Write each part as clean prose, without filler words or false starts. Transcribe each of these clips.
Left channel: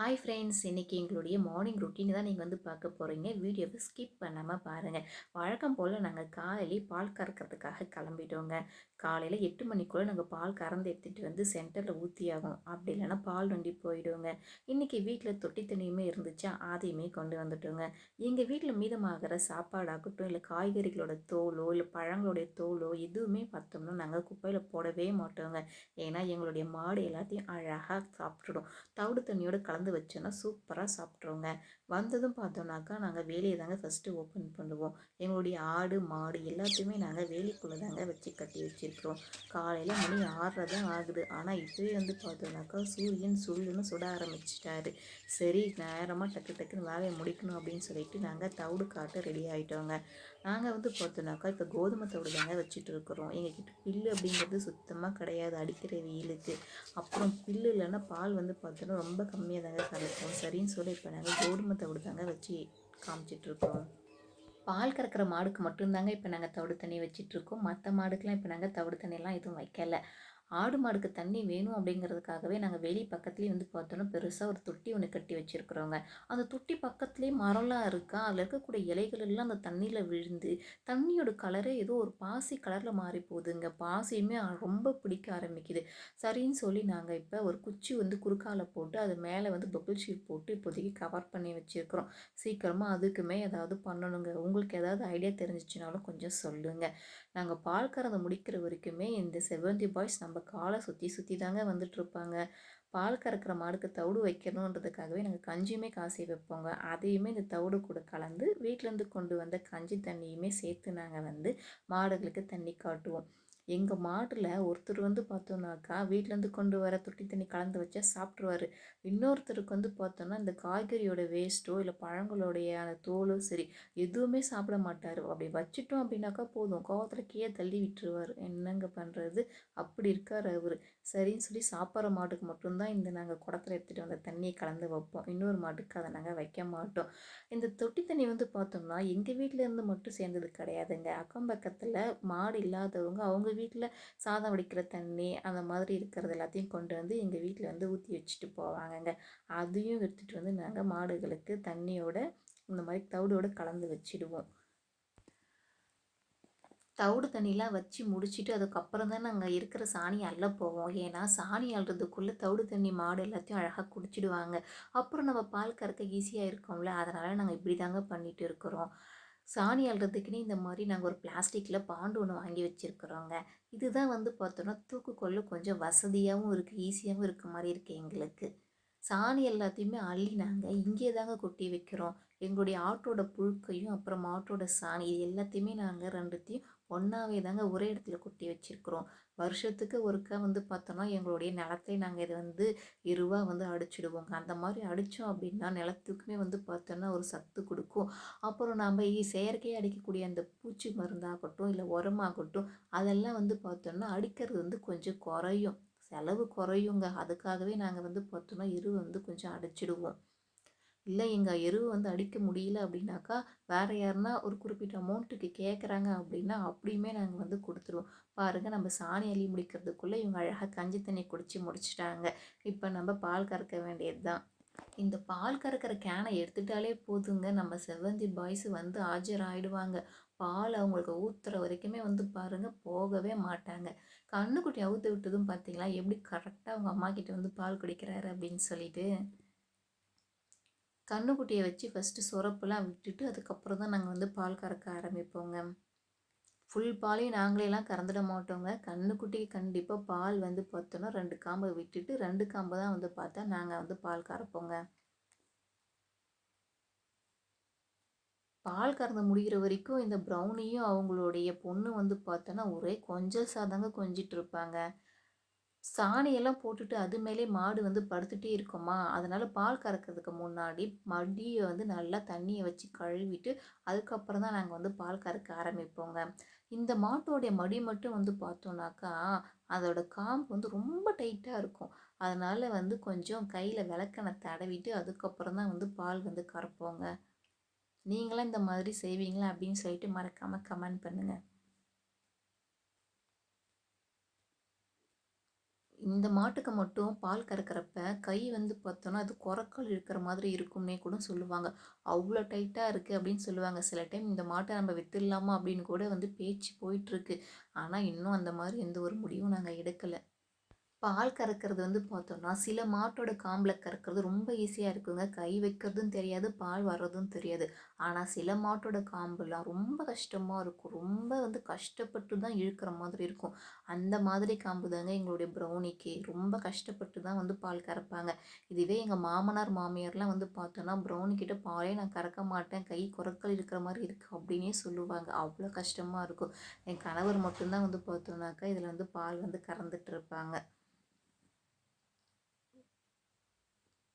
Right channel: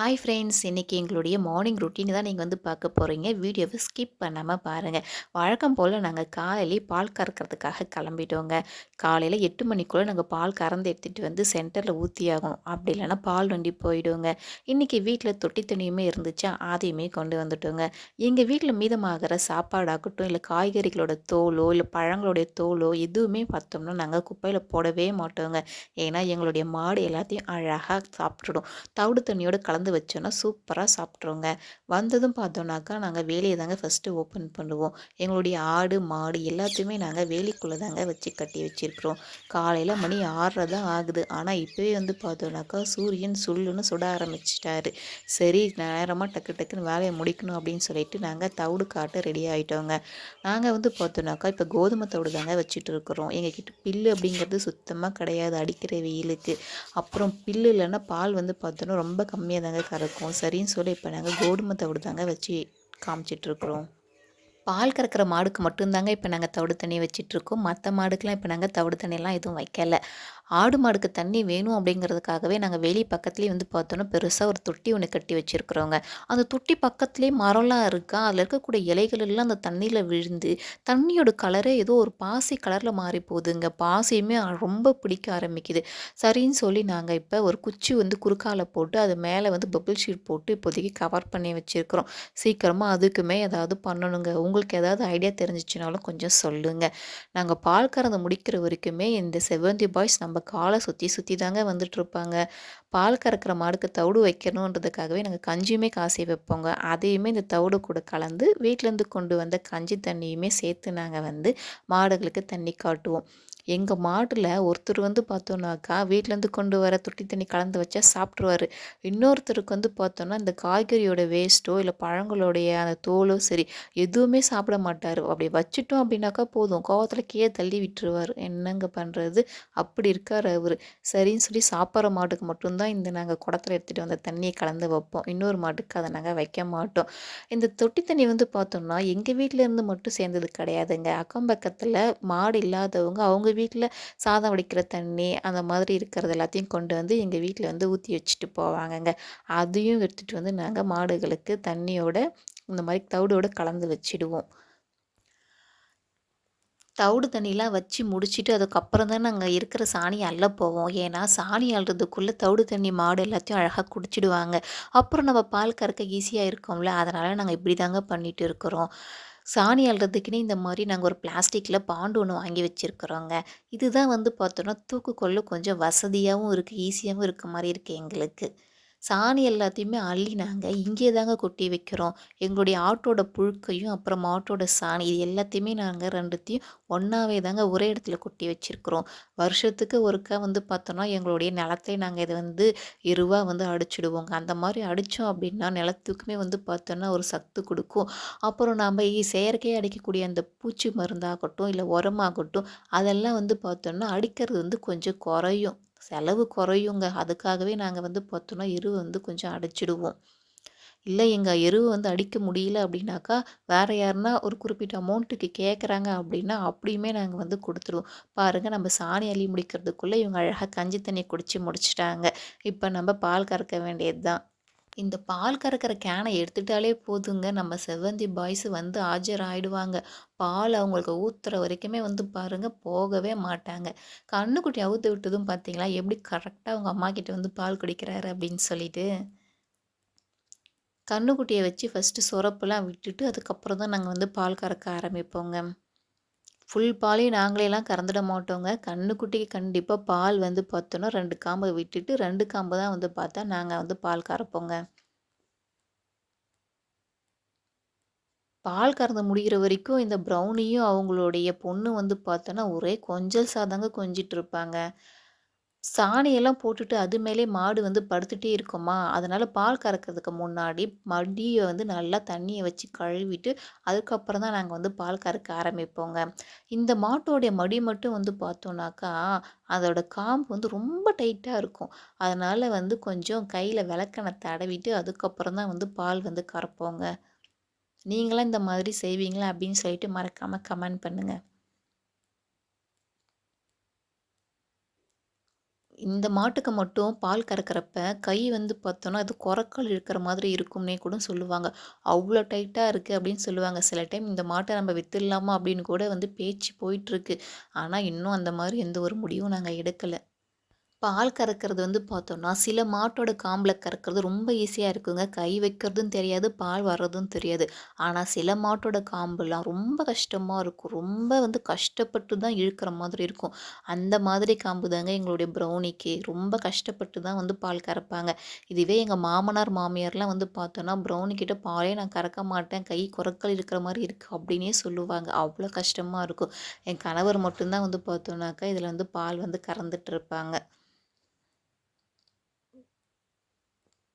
Hi friends, இன்னைக்கு எங்களுடைய morning routine தான் நீங்கள் வந்து பார்க்க போகிறீங்க. வீடியோவை ஸ்கிப் பண்ணாமல் பாருங்கள். வழக்கம் போல் நாங்கள் காலையிலே பால் கறக்கிறதுக்காக கிளம்பிட்டோங்க. காலையில் 8 மணிக்குள்ளே நாங்கள் பால் கறந்து எடுத்துகிட்டு வந்து சென்டரில் ஊற்றி ஆகணும். அப்படி இல்லைன்னா பால் வண்டி போயிடுங்க. இன்றைக்கி வீட்டில் தொட்டி தண்ணியுமே இருந்துச்சா, அதையுமே கொண்டு வந்துட்டோங்க. எங்கள் வீட்டில் மீதமாகிற சாப்பாடாகட்டும், இல்லை காய்கறிகளோட தோலோ, இல்லை பழங்களுடைய தோலோ எதுவுமே பார்த்தோம்னா நாங்கள் குப்பையில் போடவே மாட்டோங்க. ஏன்னா எங்களுடைய மாடு எல்லாத்தையும் அழகாக சாப்பிட்டுடும். தவிடு தண்ணியோட கலந்து வச்சோன்னா சூப்பராக சாப்பிட்ருங்க. வந்ததும் பார்த்தோன்னாக்கா, நாங்கள் வேலிய தாங்க ஃபஸ்ட்டு ஓப்பன் பண்ணுவோம். எங்களுடைய ஆடு, மாடு எல்லாத்தையுமே நாங்கள் வேலிக்குள்ளே தாங்க வச்சு கட்டி வச்சிருக்கிறோம். காலையில் மணி 6:30 தான் ஆகுது. ஆனால் இப்போவே வந்து பார்த்தோன்னாக்கா, சூரியன் சுள்ளுன்னு சுட ஆரம்பிச்சிட்டாரு. சரி, நேரமாக டக்கு டக்குன்னு வேலையை முடிக்கணும் அப்படின்னு சொல்லிட்டு நாங்கள் தவிடு காட்ட ரெடி ஆகிட்டோங்க. நாங்கள் வந்து பார்த்தோன்னாக்கா, இப்போ கோதுமை தவிடு தாங்க வச்சுட்டு இருக்கிறோம். எங்ககிட்ட பில்லு அப்படிங்கிறது சுத்தமாக கிடையாது அடிக்கிற வெயிலுக்கு. அப்புறம் பில்லு இல்லைன்னா பால் வந்து பார்த்தோன்னா ரொம்ப கம்மியாக தாங்க கறக்கும். சரின்னு சொல்லி இப்போ நாங்கள் கோதுமை தவிடு தாங்க வச்சு காமிச்சிட்ருக்குறோம். பால் கறக்கிற மாடுக்கு மட்டும் தாங்க இப்போ நாங்கள் தவிடு தண்ணி வச்சிட்ருக்கோம். மற்ற மாடுக்கெலாம் இப்போ நாங்கள் தவிடு தண்ணிலாம் எதுவும் வைக்கல. ஆடு மாடுக்கு தண்ணி வேணும் அப்படிங்கிறதுக்காகவே நாங்கள் வேலி பக்கத்துலேயே வந்து பார்த்தோன்னா பெருசாக ஒரு தொட்டி ஒன்று கட்டி வச்சுருக்குறோங்க. அந்த தொட்டி பக்கத்துலேயே மரம்லாம் இருக்கா, அதில் இருக்கக்கூடிய இலைகள் எல்லாம் அந்த தண்ணியில் விழுந்து தண்ணியோட கலரே ஏதோ ஒரு பாசி கலரில் மாறி போகுதுங்க. பாசியுமே ரொம்ப பிடிக்க ஆரம்பிக்குது. சரின்னு சொல்லி நாங்கள் இப்போ ஒரு குச்சி வந்து குறுக்கால போட்டு அது மேலே வந்து பபிள் ஷீட் போட்டு இப்போதைக்கு கவர் பண்ணி வச்சுருக்கிறோம். சீக்கிரமாக அதுக்குமே ஏதாவது பண்ணணுங்க. உங்களுக்கு ஏதாவது ஐடியா தெரிஞ்சிச்சுனாலும் கொஞ்சம் சொல்லுங்க. நாங்க பால் கறந்து முடிக்கிற வரைக்குமே இந்த செவ்வந்தி பாய்ஸ் நம்ம கால சுத்தி சுத்தி தாங்க வந்துட்டுருப்பாங்க. பால் கறக்கிற மாடுக்கு தவிடு வைக்கணுன்றதுக்காகவே நாங்க கஞ்சியுமே காசி வைப்போங்க. அதையுமே இந்த தவிடு கூட கலந்து வீட்லேருந்து கொண்டு வந்த கஞ்சி தண்ணியுமே சேர்த்து நாங்க வந்து மாடுகளுக்கு தண்ணி காட்டுவோம். எங்க மாடுல ஒருத்தர் வந்து பார்த்தோம்னாக்கா, வீட்லேருந்து கொண்டு வர தொட்டி தண்ணி கலந்து வச்சா சாப்ட்டுருவாரு. இன்னொருத்தருக்கு வந்து பார்த்தோம்னா, இந்த காய்கறியோட வேஸ்ட்டோ, இல்ல பழங்களுடைய அந்த தோலோ சரி, எதுவுமே சாப்பிட மாட்டாரு. அப்படி வச்சுட்டோம் அப்படின்னாக்கா போதும், கோவத்துல கீழ தள்ளி விட்டுருவாரு. என்னங்க பண்றது? அப்படி இருக்காரு அவரு. சரின்னு சொல்லி சாப்பிட்ற மாட்டுக்கு மட்டும் தான் இந்த நாங்க குடத்துல எடுத்துட்டு வந்த தண்ணிய கலந்து வைப்போம். இன்னொரு மாட்டுக்கு அத நாங்க வைக்க மாட்டோம். இந்த தொட்டி தண்ணி வந்து பார்த்தோம்னா, எங்க வீட்ல இருந்து மட்டும் சேர்ந்தது கிடையாதுங்க. அக்கம் பக்கத்துல மாடு இல்லாதவங்க, அவங்க வீட்ல சாதம் வடிக்கிற தண்ணி, அந்த மாதிரி இருக்கிறது எல்லாத்தையும் கொண்டு வந்து எங்க வீட்ல வந்து ஊத்தி வச்சுட்டு போவாங்கங்க. அதையும் எடுத்துட்டு வந்து நாங்க மாடுகளுக்கு தண்ணியோட இந்த மாரி தவிடோட கலந்து வச்சுடுவோம். தவிடு தண்ணிலாம் வச்சு முடிச்சுட்டு, அதுக்கப்புறம் தான் நாங்க இருக்கிற சாணிய அள்ள போவோம். ஏன்னா, சாணி அள்றதுக்குள்ள தவிடு தண்ணி மாடு எல்லாத்தையும் அழகா குடிச்சிடுவாங்க. அப்புறம் நம்ம பால் கறக்க ஈஸியா இருக்கும்ல. அதனால நாங்க இப்படி தாங்க பண்ணிட்டு இருக்கிறோம். சாணி அள்றதுக்குன்னே இந்த மாரி நாங்க ஒரு பிளாஸ்டிக்ல பாண்டு ஒண்ணு வாங்கி வச்சிருக்கிறோங்க. இதுதான் வந்து பார்த்தோன்னா, தூக்குக்கொள்ள கொஞ்சம் வசதியாவும் இருக்கு, ஈஸியாவும் இருக்க மாரி இருக்கு எங்களுக்கு. சாணி எல்லாத்தையுமே அள்ளி நாங்க இங்கேயே தாங்க கொட்டி வைக்கிறோம். எங்களுடைய ஆட்டோட புழுக்கையும், அப்புறம் மாட்டோட சாணி இது எல்லாத்தையுமே நாங்க 2த்தையும் ஒண்ணாவே தாங்க ஒரே இடத்துல கொட்டி வச்சிருக்கிறோம். வருஷத்துக்கு ஒருக்கா வந்து பார்த்தோன்னா, எங்களுடைய நிலத்தை நாங்க இத வந்து எருவா வந்து அடிச்சிடுவோங்க. அந்த மாரி அடிச்சோம் அப்டின்னா, நிலத்துக்குமே வந்து பார்த்தோன்னா, ஒரு சத்து குடுக்கும். அப்புறம் நாம செயற்கையா அடிக்கக்கூடிய அந்த பூச்சி மருந்தாகட்டும், இல்ல உரமாகட்டும், அதெல்லாம் வந்து பார்த்தோன்னா, அடிக்கிறது வந்து கொஞ்சம் குறையும். செலவு குறையுங்க. அதுக்காகவே நாங்க வந்து பார்த்தோன்னா, எருவ வந்து கொஞ்சம் அடிச்சிடுவோம். இல்ல எங்க எருவு வந்து அடிக்க முடியல அப்டின்னாக்கா, வேற யாருன்னா ஒரு குறிப்பிட்ட அமௌண்ட்டுக்கு கேட்குறாங்க அப்டின்னா, அப்படியுமே நாங்க வந்து குடுத்துருவோம். பாருங்க நம்ம சாணி அள்ளி முடிக்கிறதுக்குள்ள இவங்க அழகா கஞ்சி தண்ணி குடிச்சு முடிச்சுட்டாங்க. இப்ப நம்ம பால் கறக்க வேண்டியது தான். இந்த பால் கறக்கிற கேனை எடுத்துட்டாலே போதுங்க, நம்ம செவ்வந்தி பாய்ஸ் வந்து ஆஜராயிடுவாங்க. பால் அவங்களுக்கு ஊத்துற வரைக்குமே வந்து பாருங்க, போகவே மாட்டாங்க. கன்னுக்குட்டி அவுத்து விட்டதும் பார்த்தீங்களா, எப்படி கரெக்ட்டா அவங்க அம்மாகிட்ட வந்து பால் குடிக்கிறாரு அப்படின்னு சொல்லிட்டு. கன்னுக்குட்டிய வச்சு ஃபர்ஸ்ட்டு சொரப்புலாம் விட்டுட்டு, அதுக்கப்புறம் தான் நாங்க வந்து பால் கறக்க ஆரம்பிப்போங்க. ஃபுல் பாலையும் நாங்களேலாம் கறந்துட மாட்டோங்க. கன்னுக்குட்டிக்கு கண்டிப்பா பால் வந்து பார்த்தோன்னா, 2 காம்ப விட்டுட்டு 2 காம்பு தான் வந்து பார்த்தா நாங்க வந்து பால் கறப்போங்க. பால் கறந்து முடியிற வரைக்கும் இந்த ப்ரௌனியும் அவங்களுடைய பொண்ணு வந்து பார்த்தோன்னா, ஒரே கொஞ்சல் சாதாங்க கொஞ்சிட்டுருப்பாங்க. சாணியெல்லாம் போட்டுட்டு அது மேலயே மாடு வந்து படுத்துட்டே இருக்குமா, அதனால பால் கறக்கிறதுக்கு முன்னாடி மடிய வந்து நல்லா தண்ணிய வச்சு கழுவிட்டு, அதுக்கப்புறம் தான் நாங்க வந்து பால் கறக்க ஆரம்பிப்போங்க. இந்த மாட்டோடைய மடி மட்டும் வந்து பார்த்தோம்னாக்கா, அதோட காம்பு வந்து ரொம்ப டைட்டா இருக்கும். அதனால வந்து கொஞ்சம் கையில விளக்கெண்ணெய் தடவிட்டு, அதுக்கப்புறம் தான் வந்து பால் வந்து கறப்போங்க. நீங்களாம் இந்த மாதிரி செய்வீங்களா? அப்படின்னு சொல்லிட்டு மறக்காம கமெண்ட் பண்ணுங்க. இந்த மாட்டுக்கு மட்டும் பால் கறக்கிறப்ப, கை வந்து பார்த்தோன்னா, அது கொரக்கால் இழுக்கிற மாதிரி இருக்கும்னே கூட சொல்லுவாங்க. அவ்ளோ டைட்டா இருக்கு அப்படின்னு சொல்லுவாங்க. சில டைம் இந்த மாட்ட நம்ம வித்துடலாமா அப்படின்னு கூட வந்து பேச்சு போயிட்டுருக்கு. ஆனா, இன்னும் அந்த மாரி எந்த ஒரு முடிவும் நாங்க எடுக்கல. பால் கறக்கிறது வந்து பார்த்தோம்னா, சில மாட்டோட காம்புல கறக்கிறது ரொம்ப ஈஸியா இருக்குங்க. கை வைக்கிறதும் தெரியாது, பால் வர்றதும் தெரியாது. ஆனா, சில மாட்டோட காம்புலாம் ரொம்ப கஷ்டமா இருக்கும். ரொம்ப வந்து கஷ்டப்பட்டு தான் இழுக்கிற மாதிரி இருக்கும். அந்த மாதிரி காம்பு தாங்க எங்களுடைய ப்ரௌனிக்கு. ரொம்ப கஷ்டப்பட்டு தான் வந்து பால் கறப்பாங்க. இதுவே எங்க மாமனார், மாமியார்லாம் வந்து பார்த்தோன்னா, ப்ரௌனி கிட்ட பாலே நான் கறக்க மாட்டேன். கை கொரக்கல் இருக்கிற மாரி இருக்கு அப்படின்னே சொல்லுவாங்க. அவ்வளோ கஷ்டமா இருக்கும். என் கணவர் மட்டும் தான் வந்து பார்த்தோன்னாக்கா, இதில வந்து பால் வந்து கறந்துட்டு இருப்பாங்க.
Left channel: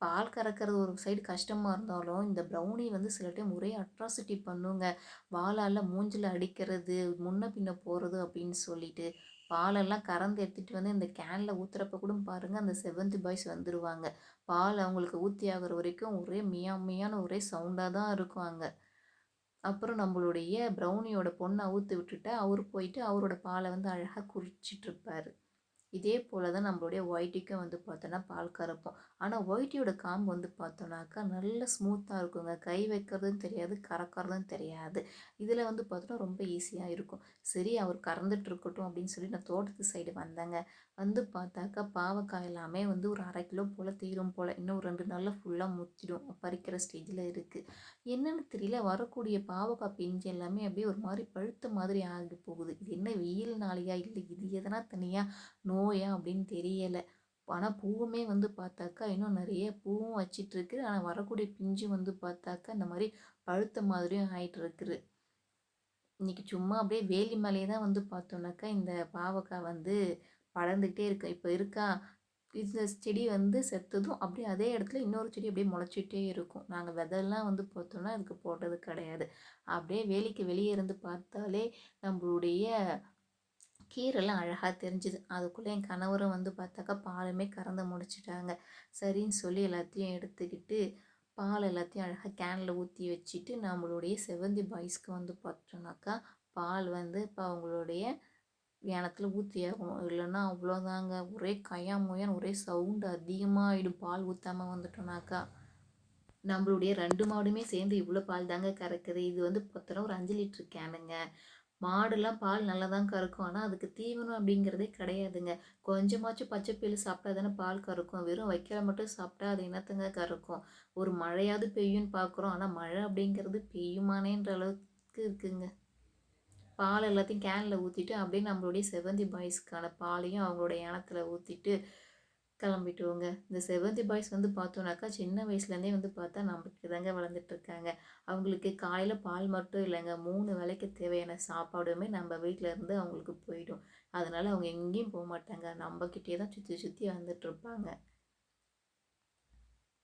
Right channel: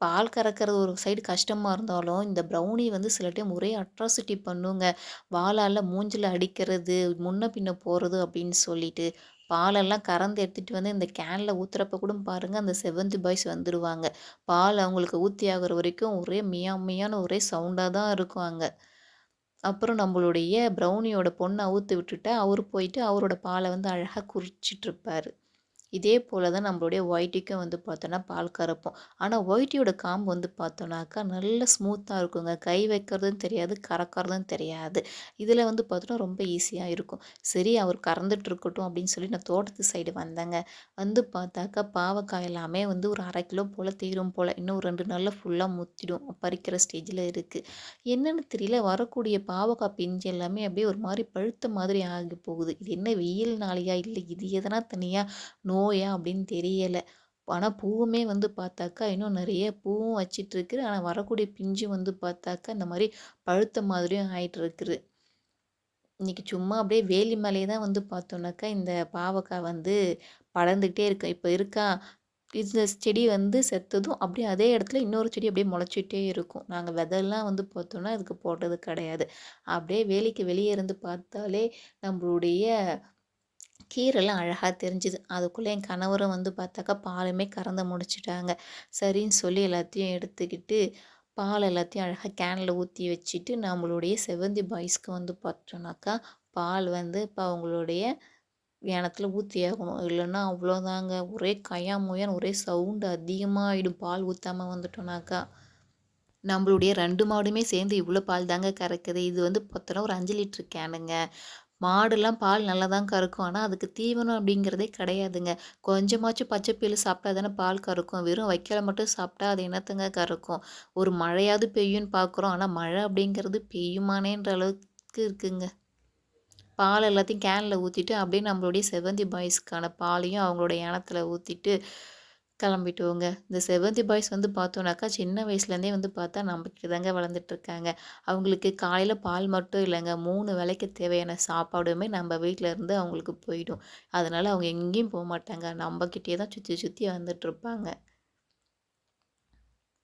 பால் கறக்கிறது ஒரு சைடு கஷ்டமா இருந்தாலும், இந்த ப்ரௌனி வந்து சில டைம் ஒரே அட்ராசிட்டி பண்ணுங்க. வாளால மூஞ்சில அடிக்கிறது, முன்ன பின்ன போறது அப்படின்னு சொல்லிட்டு, பாலெல்லாம் கறந்து எடுத்துட்டு வந்து இந்த கேன்ல ஊத்துறப்ப கூட பாருங்க, அந்த செவந்தி பாய்ஸ் வந்துருவாங்க. பால் அவங்களுக்கு ஊத்தி ஆகுற வரைக்கும் ஒரே மியா மியான்னு ஒரே சவுண்டா தான் இருக்கும் அங்க. அப்புறம் நம்மளுடைய ப்ரௌனியோட பொண்ண அவுத்து விட்டுட்டா, அவரு போயிட்டு அவரோட பால வந்து அழகா குறிச்சிட்ருப்பாரு. இதே போல தான் நம்மளுடைய ஒயிட்டிக்கும் வந்து பார்த்தோன்னா, பால் கறப்போம். ஆனா, ஒயிட்டியோட காம்பு வந்து பார்த்தோன்னாக்கா, நல்ல ஸ்மூத்தா இருக்குங்க. கை வைக்கிறதும் தெரியாது, கறக்கறதும் தெரியாது. இதில வந்து பார்த்தோன்னா, ரொம்ப ஈஸியா இருக்கும். சரி அவர் கறந்துட்டு இருக்கட்டும் அப்படின்னு சொல்லி நான் தோட்டத்து சைடு வந்தேங்க. வந்து பார்த்தாக்கா, பாவக்காய் எல்லாமே வந்து ஒரு 1/2 கிலோ போல தீரும் போல. இன்னும் ஒரு 2 நாள்ல ஃபுல்லா முத்திடும். பறிக்கிற ஸ்டேஜில இருக்கு. என்னன்னு தெரியல, வரக்கூடிய பாவக்காய் பிஞ்சு எல்லாமே அப்படியே ஒரு மாரி பழுத்த மாதிரி ஆகி போகுது. இது என்ன வெயில்னாலயா? இல்ல இது எதனா தனியா நோயா அப்படின்னு தெரியல. ஆனா பூவுமே வந்து பார்த்தாக்கா, இன்னும் நெறைய பூவும் வச்சிட்டுருக்கு. ஆனா வரக்கூடிய பிஞ்சு வந்து பார்த்தாக்கா, இந்த மாரி பழுத்த மாதிரியும் ஆயிட்டு இருக்குது. இன்னைக்கு சும்மா அப்படியே வேலி மேலேயே தான் வந்து பார்த்தோம்னாக்கா, இந்த பாவக்கா வந்து படர்ந்துகிட்டே இருக்கு. இப்ப இருக்கா, இந்த செடி வந்து செத்ததும் அப்படியே அதே இடத்துல இன்னொரு செடி அப்படியே முளைச்சிட்டே இருக்கும். நாங்க விதைல்லாம் வந்து பார்த்தோம்னா, இதுக்கு போட்டது கிடையாது. அப்படியே வேலிக்கு வெளியே இருந்து பார்த்தாலே நம்மளுடைய கீரைலாம் அழகா தெரிஞ்சுது. அதுக்குள்ள என் கணவரும் வந்து பார்த்தாக்கா, பாலுமே கறந்து முடிச்சுட்டாங்க. சரின்னு சொல்லி எல்லாத்தையும் எடுத்துக்கிட்டு, பால் எல்லாத்தையும் அழகா கேன்ல ஊத்தி வச்சுட்டு, நம்மளுடைய செவந்தி பாய்ஸ்க்கு வந்து பார்த்தோம்னாக்கா, பால் வந்து இப்ப அவங்களுடைய யானத்துல ஊத்தியாகணும். இல்லன்னா அவ்வளோதாங்க. ஒரே கயா முயான்னு ஒரே சவுண்ட் அதிகமா ஆயிடும். பால் ஊத்தாம வந்துட்டோம்னாக்கா. நம்மளுடைய 2 மாடுமே சேர்ந்து இவ்வளோ பால் தாங்க கறக்குது. இது வந்து பார்த்தோன்னா ஒரு 5 லிட்டர் கேனுங்க. மாடுலாம் பால் நல்லா தான் கறக்கும். ஆனா, அதுக்கு தீவனம் அப்படிங்கிறதே கிடையாதுங்க. கொஞ்சமாச்சும் பச்சை புல்லு சாப்பிட்டா தானே பால் கறக்கும். வெறும் வைக்கோல மட்டும் சாப்பிட்டா அது என்னத்தங்க கறக்கும்? ஒரு மழையாவது பெய்யும்ன்னு பார்க்குறோம். ஆனா, மழை அப்படிங்கிறது பெய்யுமானேன்ற அளவுக்கு இருக்குங்க. பால் எல்லாத்தையும் கேன்ல ஊத்திட்டு, அப்படியே நம்மளுடைய செவந்தி பாய்ஸ்க்கான பாலையும் அவங்களோட யானத்துல ஊத்திட்டு கிளம்பிட்டோங்க. இந்த செவந்தி பாய்ஸ் வந்து பார்த்தோம்னாக்கா, சின்ன வயசுலேருந்தே வந்து பார்த்தா நம்மகிட்ட தாங்க வளர்ந்துட்டுருக்காங்க. அவங்களுக்கு காலையில பால் மட்டும் இல்லங்க, 3 வேளைக்கு தேவையான சாப்பாடுமே நம்ம வீட்ல இருந்து அவங்களுக்கு போயிடும். அதனால அவங்க எங்கேயும் போமாட்டாங்க. நம்மகிட்டயே தான் சுத்தி சுத்தி வந்துட்டுருப்பாங்க.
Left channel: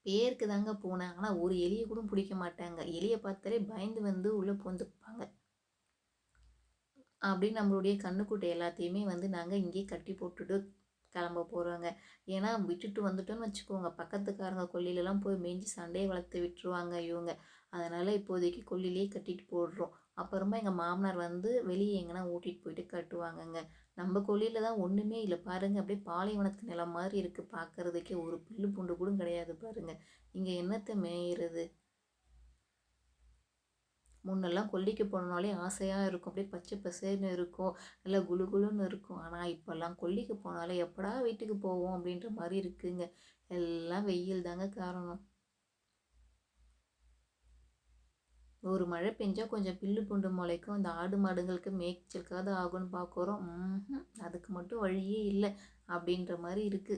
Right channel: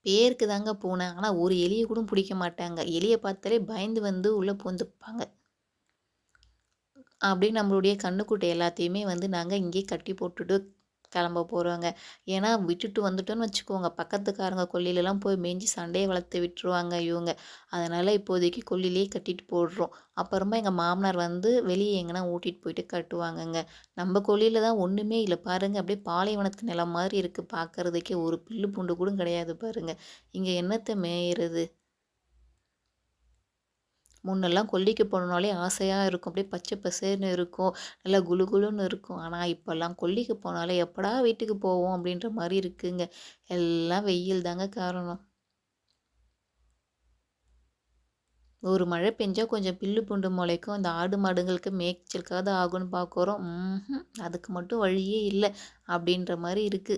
பேருக்கு தாங்க பூனை. ஆனா ஒரு எலிய கூட புடிக்க மாட்டாங்க. எலிய பார்த்தாலே பயந்து வந்து உள்ள பூந்துப்பாங்க. அப்படியே நம்மளுடைய கன்னுக்குட்டி எல்லாத்தையுமே வந்து நாங்க இங்கேயே கட்டி போட்டுட்டு கிளம்ப போறோங்க. ஏன்னா விட்டுட்டு வந்துட்டோம்னு வச்சுக்கோங்க, பக்கத்துக்காரங்க கொல்லைலலாம் போய் மேய்ஞ்சு சண்டைய வளர்த்து விட்டுருவாங்க இவங்க. அதனால இப்போதைக்கு கொல்லையிலேயே கட்டிட்டு போடுறோம். அப்புறமா எங்க மாமனார் வந்து வெளிய எங்கனா ஓட்டிட்டு போயிட்டு கட்டுவாங்கங்க. நம்ம கொல்லையில தான் ஒண்ணுமே இல்ல பாருங்க. அப்படியே பாலைவனத்து நிலம் மாதிரி இருக்கு பார்க்கறதுக்கே. ஒரு புல்லு பூண்டு கூட கிடையாது பாருங்க. இங்க என்னத்த மேயிறது? முன்னெல்லாம் கொல்லைக்கு போணும்னாலே ஆசையா இருக்கும். அப்படியே பச்சை பசேல்னு இருக்கும். நல்லா குளு குளுன்னு இருக்கும். ஆனா, இப்பலாம் கொல்லைக்கு போனாலே எப்படா வீட்டுக்கு போவோம் அப்படின்ற மாரி இருக்குங்க. எல்லாம் வெயில் தாங்க காரணம். ஒரு மழை பெஞ்சா கொஞ்சம் பில்லு பூண்டு முளைக்கும். இந்த ஆடு மாடுங்களுக்கு மேய்ச்சலுக்காவது ஆகும்னு பார்க்குறோம். அதுக்கு மட்டும் வழியே இல்ல. அப்படின்ற மாரி இருக்கு.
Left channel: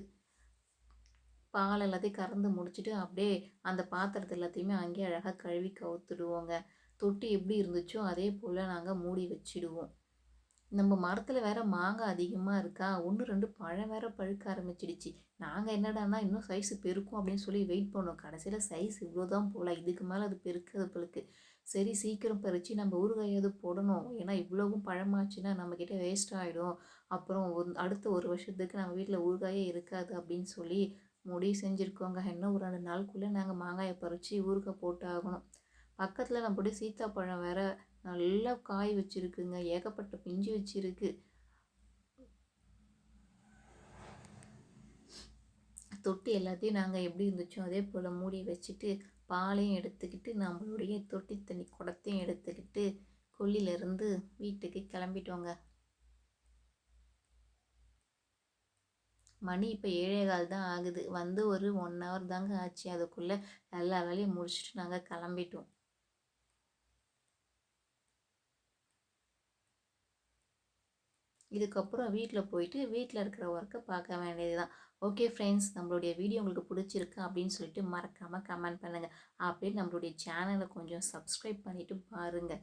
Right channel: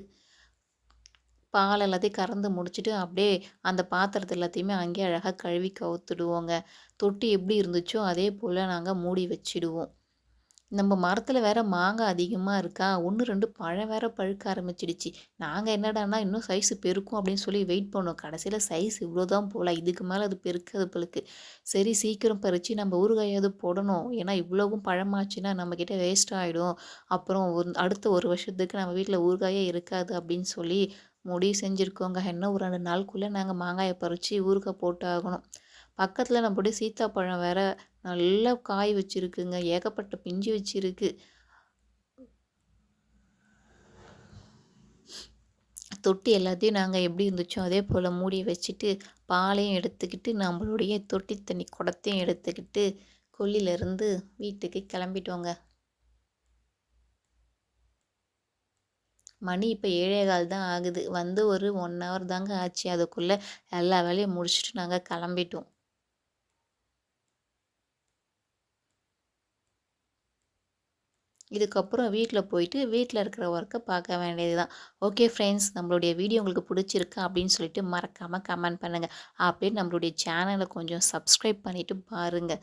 பால் எல்லாத்தையும் கறந்து முடிச்சுட்டு, அப்படியே அந்த பாத்திரத்த எல்லாத்தையுமே அங்கேயே அழகா கழுவி கவுத்துடுவோங்க. தொட்டி எப்படி இருந்துச்சோ, அதே போல நாங்க மூடி வச்சுடுவோம். நம்ம மரத்துல வேற மாங்காய் அதிகமா இருக்கா, 1, 2 பழம் வேற பழுக்க ஆரம்பிச்சிடுச்சு. நாங்க என்னடான்னா, இன்னும் சைஸ் பெருக்கும் அப்படின்னு சொல்லி வெயிட் பண்ணோம். கடைசியில சைஸ் இவ்வளோதான் போல. இதுக்கு மேல அது பெருக்காது போலருக்கு. சரி சீக்கிரம் பறிச்சு நம்ம ஊறுகாயாவது போடணும். ஏன்னா இவ்வளவும் பழமாச்சுன்னா நம்மகிட்ட வேஸ்ட் ஆயிடும். அப்புறம் அடுத்த 1 வருஷத்துக்கு நம்ம வீட்ல ஊறுகாயே இருக்காது அப்படின்னு சொல்லி முடிவு செஞ்சிருக்கோங்க. இன்னும் ஒரு 2 நாளுக்குள்ள நாங்க மாங்காய பறிச்சு ஊறுகாய் போட்டு ஆகணும். பக்கத்துல நம்முடைய சீத்தாப்பழம் வேற நல்லா காய் வச்சிருக்குங்க. ஏகப்பட்ட பிஞ்சு வச்சிருக்கு. தொட்டி எல்லாத்தையும் நாங்கள் எப்படி இருந்துச்சோ அதே போல் மூடி வச்சுட்டு பாலையும் எடுத்துக்கிட்டு நம்மளுடைய தொட்டி தண்ணி குடத்தையும் எடுத்துக்கிட்டு கொல்லிலேருந்து வீட்டுக்கு கிளம்பிட்டோங்க. மணி இப்போ 7:15 தான் ஆகுது. வந்து ஒரு 1 ஹவர் தாங்க ஆச்சு. அதுக்குள்ளே எல்லா வேலையும் முடிச்சுட்டு நாங்கள் கிளம்பிட்டோம். இதுக்கப்புறம் வீட்டில் போயிட்டு வீட்டில் இருக்கிற ஒர்க்கை பார்க்க வேண்டியது தான். ஓகே ஃப்ரெண்ட்ஸ், நம்மளுடைய வீடியோ உங்களுக்கு பிடிச்சிருக்கு அப்படின்னு சொல்லிட்டு மறக்காமல் கமெண்ட் பண்ணுங்கள். அப்படியே நம்மளுடைய சேனலை கொஞ்சம் சப்ஸ்கிரைப் பண்ணிவிட்டு பாருங்கள்.